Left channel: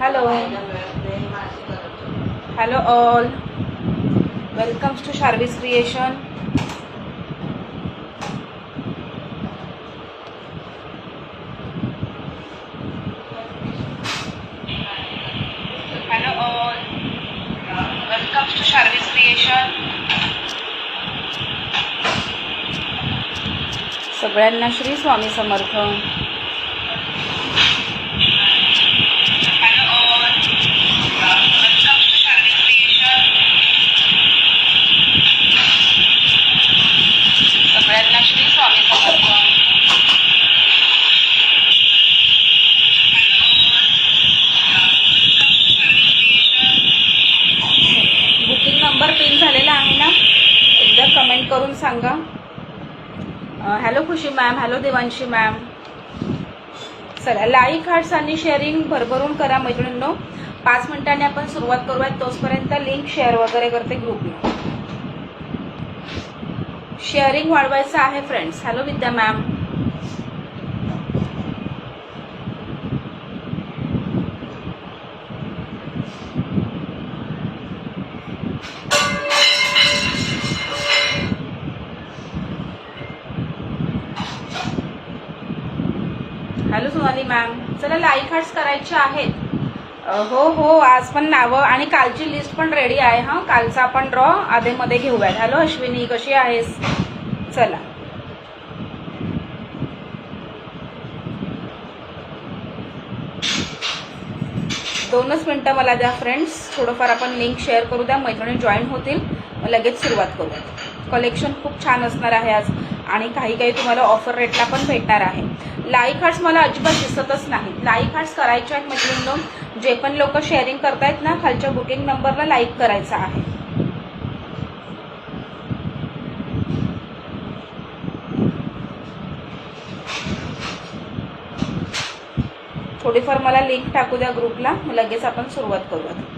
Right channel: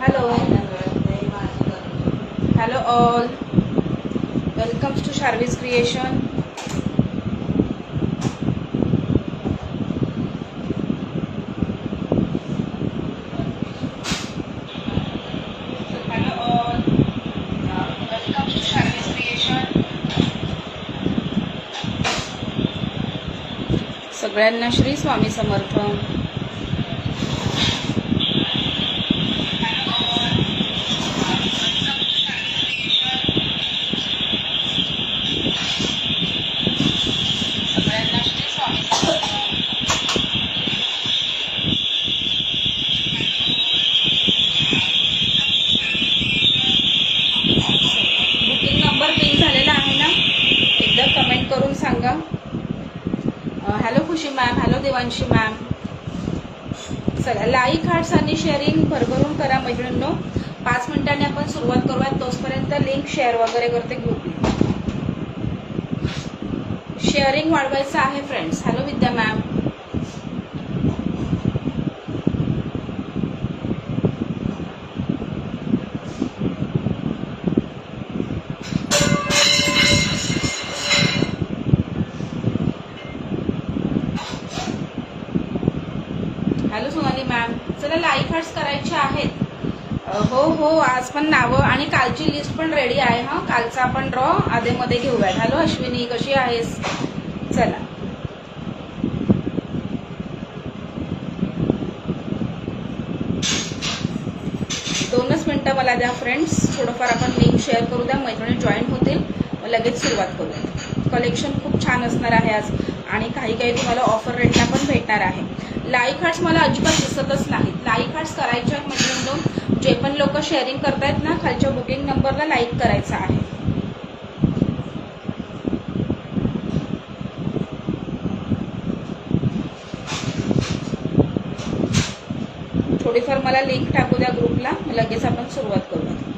Hello, hello all. Welcome to Sharvi's Creation. Hello all. Welcome to Sharvi's Creation. सगळ्यांना श्री स्वामी समर्थ. Number pin झालेला आहे ना, एकदा कमेंट करून सांगा. हॅलो खुशी मॅम, हॅलो देवांशी मॅम. चला, लाईक हार्ट्स आणि शेअरिंग भरभरून करा मैत्रिणींनो. 5 मिनिटांनी आपण सुरुवात करूयात. तोपर्यंत लिंक शेअर वगैरे करते ग्रुपला. शेअरिंग वाढवायचं आहे फ्रेंड्स. हॅलो विद्या मॅम. Hello Sonali ma'am. चला, लाईक हार्ट्स करायचे आहेत. हो हो, आज पण नावं आणि कालची लिस्ट पण रेडी आहे. हा, कालचा आपण ड्रॉ आधेमध्ये घेऊयात. हॅलो अश्विनी, कशी आहेस? चला, दोनच मिनिटं मला द्या फ्रेंड्स. थोडंफार आपण लिंक शेअर करू द्या, मैत्रिणी जॉईन होतील, मग लगेच सुरुवात करूयात. कलेक्शन खूप छान असणार आहे आज आणि काही काही तुम्हाला ऑफर रेटला पण भेटणार आहे. लाईक हार्ट्स मला अजिबात दिसतच नाही. लाईक हार्ट्स करायचे आहेत मैत्रिणींनो. जे पण लोक शेअरिंग करतायत ना, खालच्या बुकिंग नंबरला लाईक करायचा आहे. थोडीफार मला लिंक टाकू द्या ग्रुपला, लगेच आपण सुरुवात करूयात.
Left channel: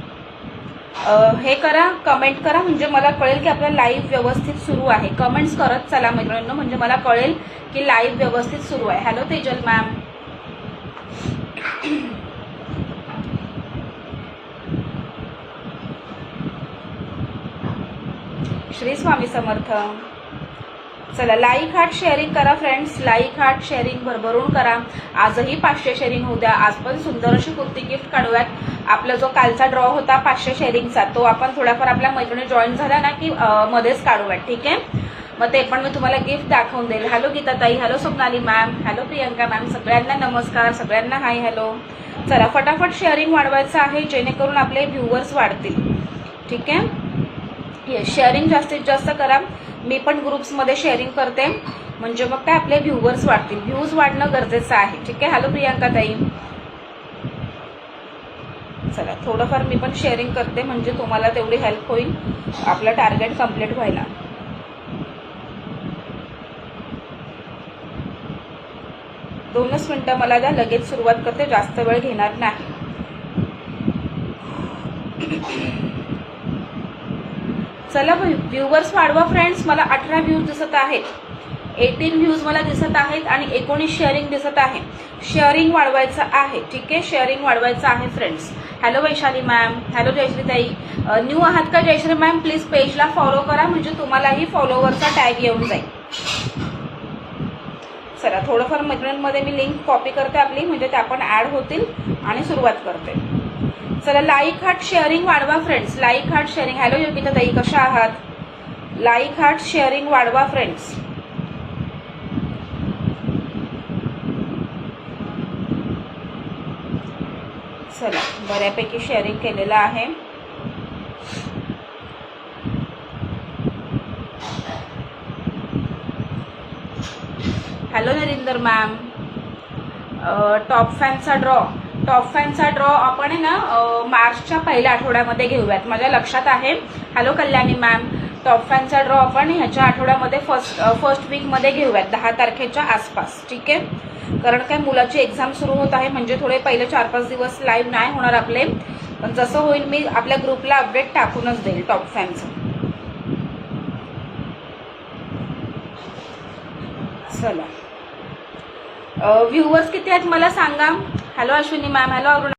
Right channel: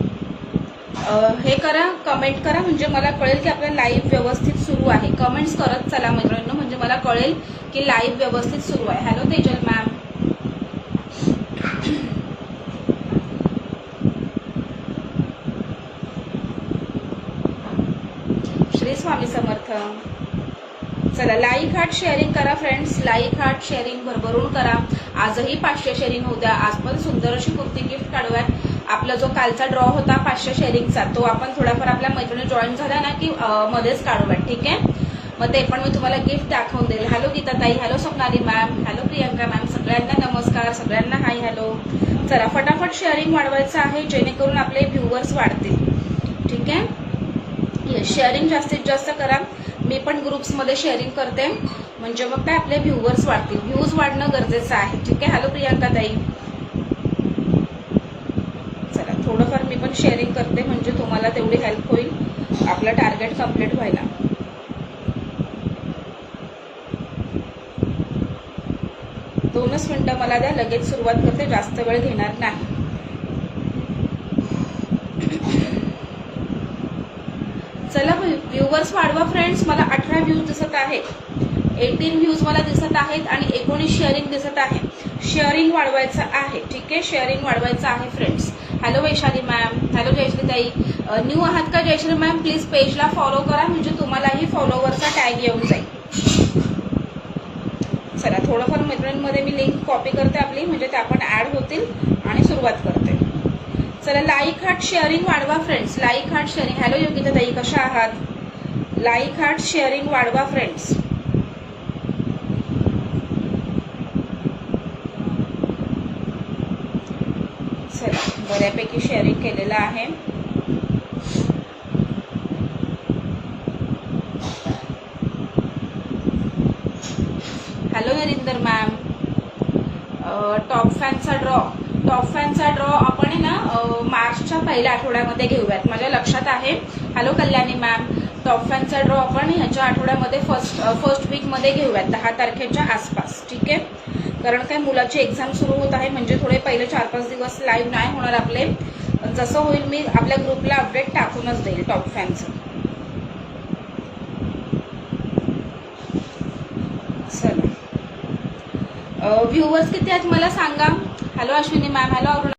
हे करा, कमेंट करा, म्हणजे मला कळेल की आपला लाईव्ह व्यवस्थित सुरू आहे. कमेंट्स करत चला मैत्रिणींनो, म्हणजे मला कळेल की लाईव्ह व्यवस्थित सुरू आहे. Hello Tejal ma'am. श्री स्वामी समर्थ. चला, लाईक हार्ट शेअरिंग करा फ्रेंड्स. लाईक हार्ट शेअरिंग भरभरून करा. आजही 500 शेअरिंग होऊ द्या. आज पण सुंदर अशी कुर्ती गिफ्ट काढूयात. आपला जो कालचा ड्रॉ होता 500 शेअरिंगचा, तो आपण थोडाफार आपल्या मैत्रिणी जॉईन झाला ना की मध्येच काढूयात. ठीक आहे, मग ते पण मी तुम्हाला गिफ्ट दाखवून देईल. हॅलो गीताताई, hello Swapnali ma'am, hello Priyanka ma'am. सगळ्यांना नमस्कार, सगळ्यांना हाय हॅलो. चला, फटाफट शेअरिंग वाढवायचं आहे, जेणेकरून आपले व्ह्यूवर्स वाढतील. ठीक आहे, येस, शेअरिंग जास्तीत जास्त करा. मी पण ग्रुप्समध्ये शेअरिंग करते, म्हणजे मग काय आपले व्ह्यूवर्स वाढतील. व्ह्यूज वाढणं गरजेचं आहे. ठीक आहे, हॅलो प्रियंका ताई. चला, थोडंफार मी पण शेअरिंग करते, म्हणजे तुम्हाला तेवढी हेल्प होईल आपलं टार्गेट कम्प्लीट व्हायला. दोनच मिनिटं मला द्या, लगेच सुरुवात करते, जास्त वेळ घेणार नाही. चला, व्ह्यूवर्स वाढवा फ्रेंड्स. मला 18 व्ह्यूज दिसत आहेत, 18 व्ह्यूज मला दिसत आहेत आणि 19 शेअरिंग दिसत आहे. शेअरिंग वाढवायचं आहे. ठीक आहे, शेअरिंग वाढवायचं आहे friends. Hello Vaishali ma'am, hello Jayashree ताई. न्यू आहात का जयश्री मॅम? प्लीज पेजला फॉलो करा, म्हणजे तुम्हालाही फॉलोवरचा टॅग येऊन जाईल. चला, थोडंफार मैत्रिणींमध्ये मी लिंक कॉपी करते आपली, म्हणजे त्या पण ऍड होतील आणि सुरुवात करते. चला, लाईक हार्ट शेअरिंग वाढवा friends. Like heart sharing. Hello Yogita tai, कशा आहात? लाईक हार्ट शेअरिंग वाढवा फ्रेंड्स. चला, बऱ्यापैकी शेअरिंग केलेलं आहे. Hello Narendra ma'am. टॉप फॅनचा ड्रॉ आपण आहे ना मार्चच्या पहिल्या आठवड्यामध्ये घेऊयात, माझ्या लक्षात आहे. Hello Kalyani ma'am. टॉप फॅनचा ड्रॉ आपण ह्याच्या आठवड्यामध्ये फर्स्ट वीकमध्ये घेऊयात, 10 तारखेच्या आसपास. ठीक आहे, कारण काय मुलाची एक्झाम सुरू होत आहे, म्हणजे थोडे पहिले 4-5 दिवस लाईव्ह नाही होणार आपले, पण जसं होईल मी आपल्या ग्रुपला अपडेट टाकूनच देईल टॉप फॅनचं. चला, व्ह्यूवर्स किती आहेत मला सांगा. Hello Ashwini ma'am, hello Aruna.